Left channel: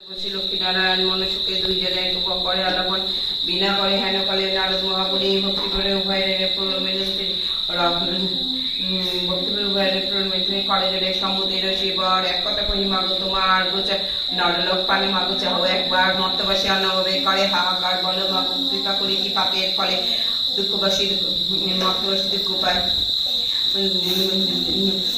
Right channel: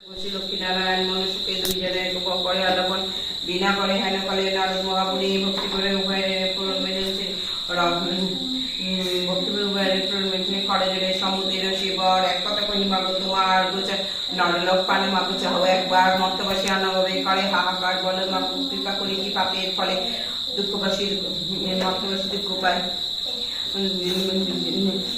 লক্ষ্মীনারায়ণ মনুষ্যকে দুই জনের করে আলাপন বিনা করে হেন কালে নারদ মহাপুরী ভক্তি করে উভয়ের ভক্তি উভয়ের করে জলে সমুদ্রের শিবর এক কথা কহি মাগো তোমার গোচা নরলোক পানে মাগো চাহো একবার মর্তবাসী অন্নভাবে করে হাহাকার বলো মাগো কৃপা করি কি পাপের ফলে দুঃখবাসী মর্তবাসী দুঃখ পায়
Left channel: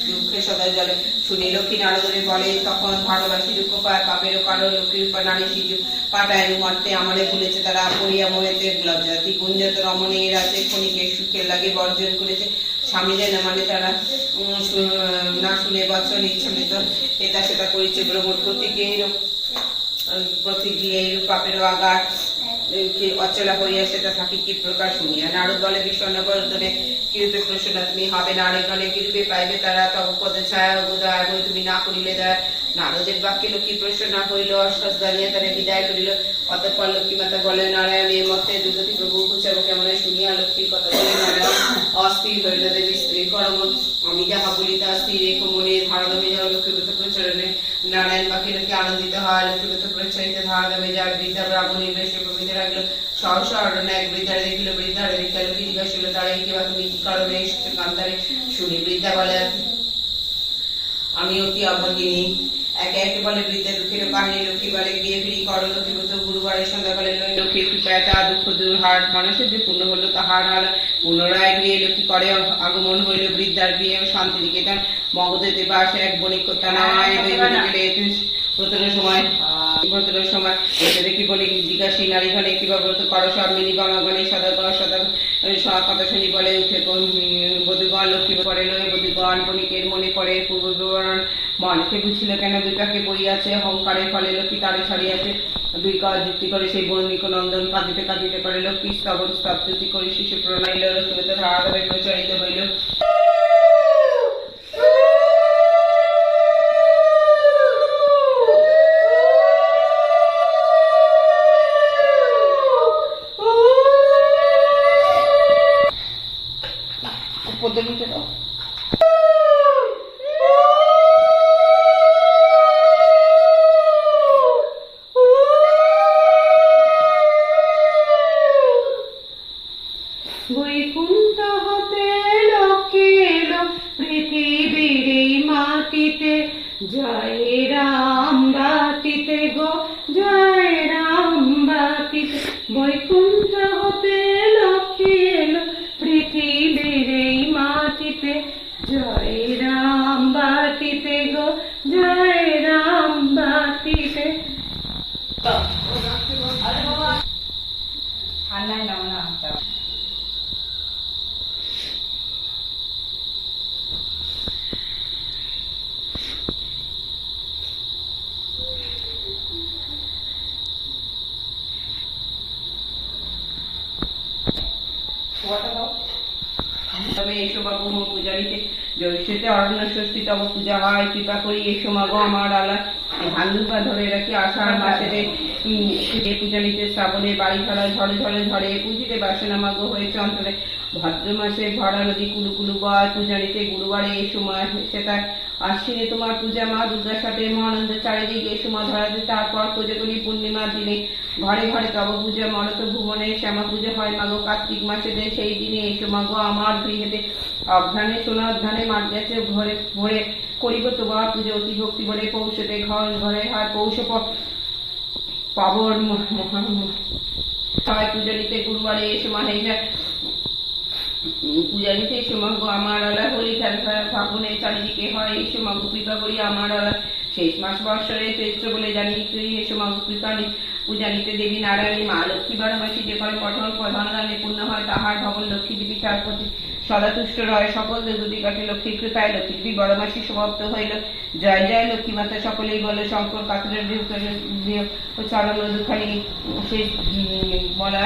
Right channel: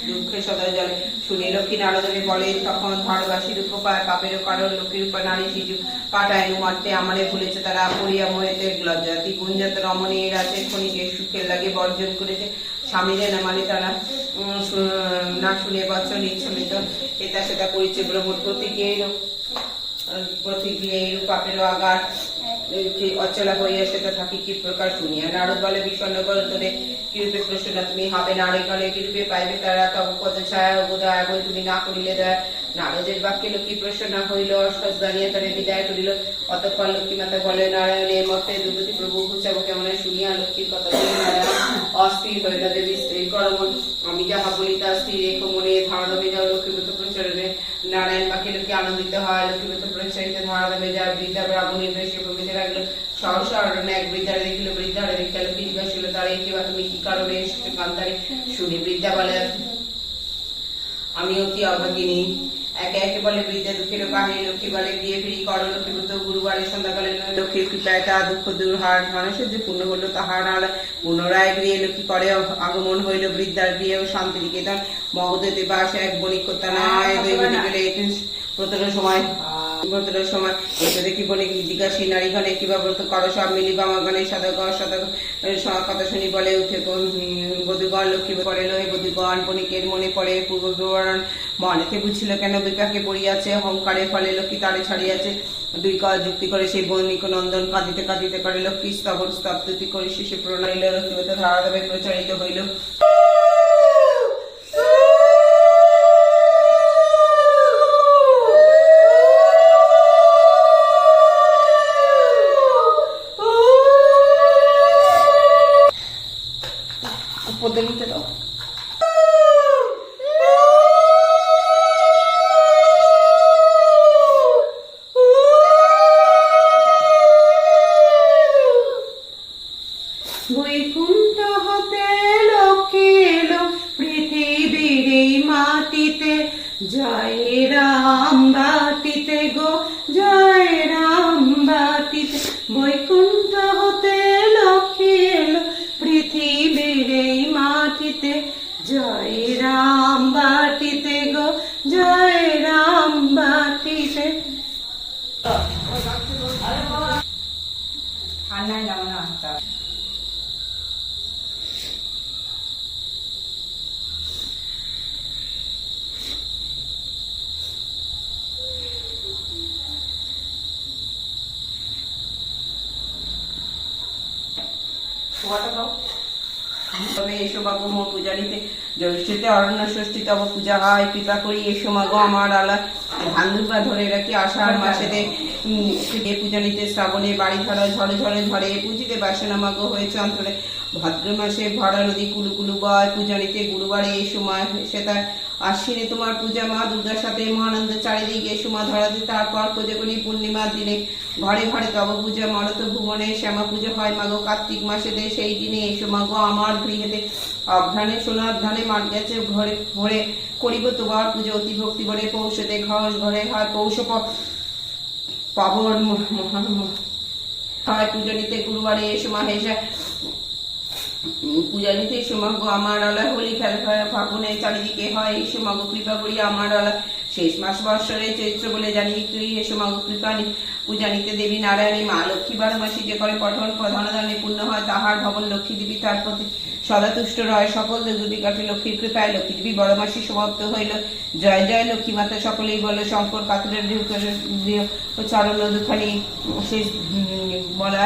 দুঃখে সদা জলে শুনে লক্ষ্মী নারদরে বলে তখন ভারবাসী দুঃখ পায় পাপেরও কারণ লক্ষ্মীর উপর নারী শিশু পাটায় মারতে আমারে ভুলেছে তারা পড়িয়া মোহেতে লজ্জাতি গুঞ্জত রমণী রাতে ক্ষণিকের সুখের লাগে বর্জন করেছে স্বামী যেন মানে তারা না শুনে বচন ইচ্ছামিত এটা সেটা করেছে ভ্রমণ প্রতিক্রিয়া পাপেরও আঘাত অচলা হইয়া সেটা থাকি কি প্রকার শুনিয়া নারদ বলে বিষণ্ণ বরদনে কিরূপে প্রশ্ন তুমি হবে নারীগণে কিরূপে পাইবে তারা তব পদ ছায়া উদয় বই তুমি না করিলে দয়া নারদের বাক্যে লক্ষ্মী প্রশ্ন হইল অশ্বাস দাঁড়িয়ে তারা বিদায় করিল অতঃপর লক্ষ্মী মাতা বলে নারায়ণের মতে দুর্গতি প্রভু উচ্চাব কেমন শুনিয়া লক্ষ্মীর কথা বলে নারায়ণ অস্থির হইল দেবী স্ত্রীর পরমন আমি যাহা বলি তা স্থির রেখ মনে ধারণামে যাও লক্ষ্মীগত প্রচারণে নারায়ণ বাক্যে লোকে আনন্দিত হয় লক্ষ্মীগত প্রচারিত ধারণামে যাওয়ার বৃদ্ধা ব্রাহ্মণী বেশি প্রভৃতি রাখলো সহসা অরণ্য এক বৃদ্ধারে দেখিল বৃদ্ধারে দেখিল লোকে জিজ্ঞাসা হইল তারা কিংবা তুমি কি কারণে এসেছে কান্তারে শুনি বৃদ্ধা বলে আমি অতি অভাগিনী একে একে বলে বৃদ্ধা দুঃখের কাহিনী লক্ষ্মী বলে গিয়ে ফিরি করো লক্ষ্মীগত গুরুবারের সন্ধ্যাকালে লক্ষ্মীর কৃপায় তা দুঃখ দূর হার মানুষের যে পূর্ণ হলো তাহার হার পুনরায় গৃহে লক্ষ্মী করে আগমন হইল বৃদ্ধার গৃহে ও শান্তি নিকেতন মগধেতে বাস এক বণিক কন্যা নয় দৈবনী গেলে প্রথমের সময় দেখি বলে জিজ্ঞাসী নারীগণে কিবা ব্রত করো সব মিলি বামাগণে সদা কথা শুনি বলে উঠে বধুগণ লক্ষ্মী করে লয় বধুগণ বণিকের মনে পড়ে পূর্ব বিবরণ মনেতে বুঝছিল কেন বিকাকে পড়িয়াছে অহংকারের ফলে লক্ষ্মী তারে ছাড়িয়াছে দুই কাজ যুক্তি করে সেই বণিক নন্দন কাঁদিতে কাঁদিতে করে লক্ষ্মী স্তবস্তুতি করে শিশু প্রণাইল লক্ষ্মীগত ধারাভাবে প্রচারিত হইল পদ্ধতিতে দাও বৈকুণ্ঠ হতে লোকে এলো পৃথিবীর মাটিতে জয় রাম বাটিতে গো জয় রাম বাটিতে বৈকুণ্ঠ হতে লোকে এলো পৃথিবীর মাটিতে জয় রাম বাটিতে গো জয় রাম বাটিতে ঠান্ডায় নামা না তবে এসো বাবু মোর পূজারিতে জ্যৈষ্ঠীতে অরণ্য ষষ্ঠী তব পূজা হয় কৃপা করি এসো মাগো আমার আলা ধান দুর্বা ধরে রাখি আষাঢ় মাসেতে পূজানিতে শ্রাবণে বাড়ি ধরা ঝড়ে ঝড়ে ঝড়ে পুঁজিতে বাসনা মাগো হয়েছে অন্তরে ভাদ্র মাসে ভরা নদী কুলু কুলু বয় পূজানিতে গুরুবারে এই সময় সেটা আশ্বিনে তোমার পূজা মা দুর্গার সাথে মহানন্দ চারিদিকে সুমা ধরাতে তারপর কোজগণী পূর্ণিমার দিনে ঘরে ঘরে তব পূজা মরত ভুবনে শ্যামা পুজো হয় মাগো কার্তিক মাসেতে সেই দিনে এসো মাগো আমার গৃহেতে অভ্রানে সোনার ধানে মাঠ গেছে ঘরে ভরে করিব তোমার পুজো অতি ভক্তি বলে পৌষতে ঘরে হয় পৌষ পাবন হয় পূজনীতে গুরুবারে এসো মাহেশা পূজারিতে সোমাগো আমার আলা হোলি খেলা ফাগুনে চারিদিকে হয় এসো মাগো কৃপা করি আমার আলা শেষ মাস বৎসরে চৈত্র বলে জানি তুই এসো মাগো কৃপা পূজানিতে দেবী নারায়ণী মা লক্ষ্মী 12 মাসে যে করে পঠন প্রধান দানে পূর্ণ হয় তাহার ভবন লক্ষ্মী দেবী তার প্রতি সদা তুষ্ট রয় সকল দুর্গতি কাটে লক্ষ্মীর কৃপায় লক্ষ্মী দেবী 12 মাসে সমাপ্ত হইল জয় জয় লক্ষ্মী মাতা সকলেই বলে শঙ্কর কাতুরের চরণ দুখানি শেষ বলা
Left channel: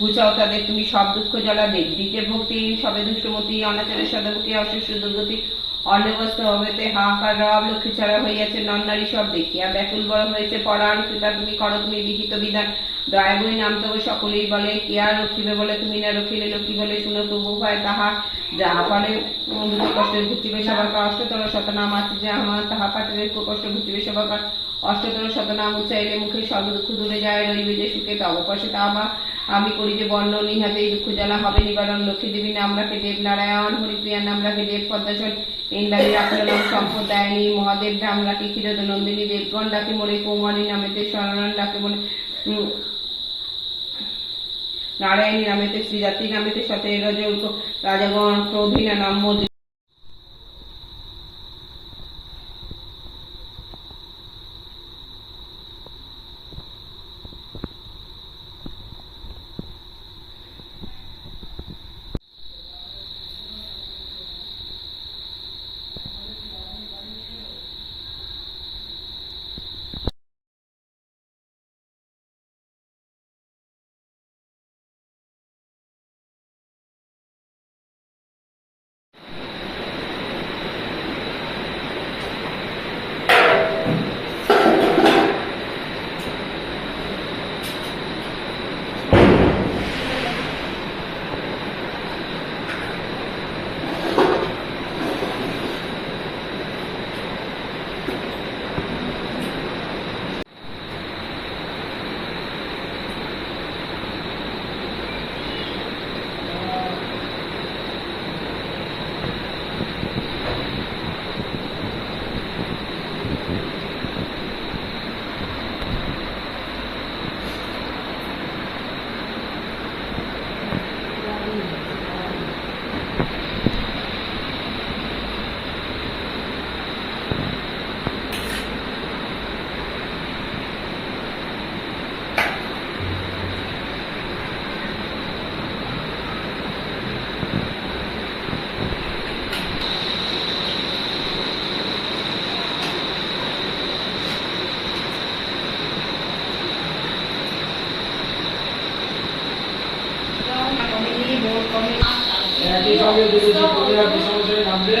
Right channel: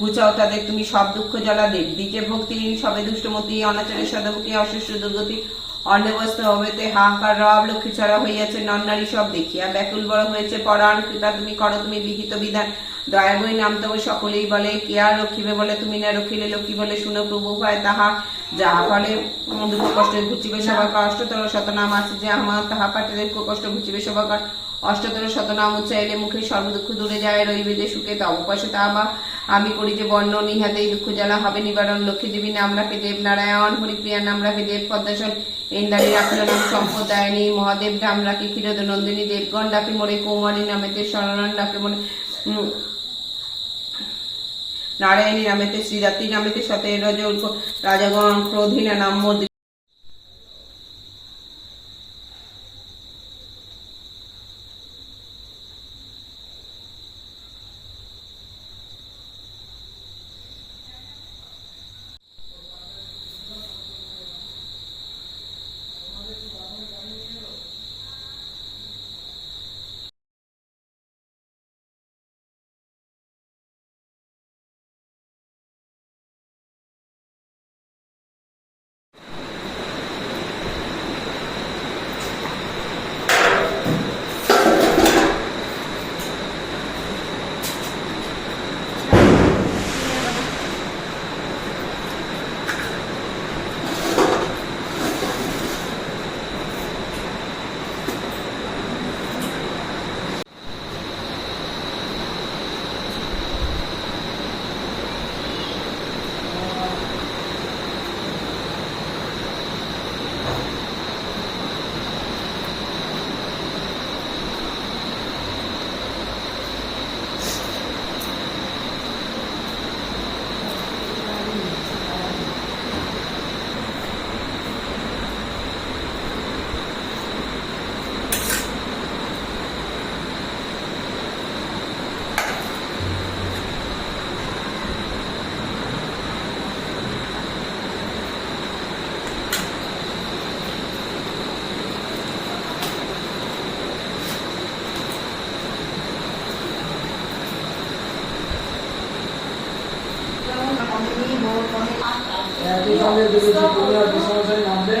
ঘুচাও তাদের তুমি সব দুঃখ জ্বালা দেব দিকে ভক্তি সবে দুষ্টমতি অনাচারের সদমুখী অসুস্থ দুর্গতি অন্নবস্ত্র হবেতে হাহাকার রব লক্ষ্মী ছাড়া হইয়াছে নন্নারী সব দেখিয়া ব্যাকুল বড় হয়েছে পরাণ কৃপা তুমি করো তুমি বিহিত বিধান দয়া বই নাম তবে সকলেই বলে কে আর রক্ষিবে বলে তুমি না রক্ষিলে লক্ষ্মী বলে শুনো প্রভু হয় তাহা যাহা ফলে দুঃখ কষ্ট ঘুচিবে সবার কষ্টতর শতনাম আছে যে আমার তাহা পাঠে দুঃখ কষ্ট ঘুচিবে সবার অষ্টতর শতনাম উচ্চাইলে মুখে সর্বদুঃখ দূরে যায়, রইবে যে সুখে তব পাশে তা আমি করি যে বর্ণন, ইহাতে এই দুঃখ জ্বালা হবে নিবারণ। লক্ষ্মী দেবী নাম রাখে দেব নারায়ণ, হরিপ্রিয়ার নাম রাখে দেব পদ্মাসন, ইন্দ্রাণী রাখিল নাম সম্পদায়নী, মহাদেব নাম রাখে ক্ষীরদ নন্দিনী, দেবগণ ডাকে মোরে কৌমারী নামেতে, শরণ ডাকে মোরে নারায়ণী নামেতে, শ্রীদাত্রী নামেতে, সতের রাজাগণ ক্রোধীনা নাম মোর। একই সঙ্গে যদি পূর্ণিমা কৃষ্ণমশাই নামবে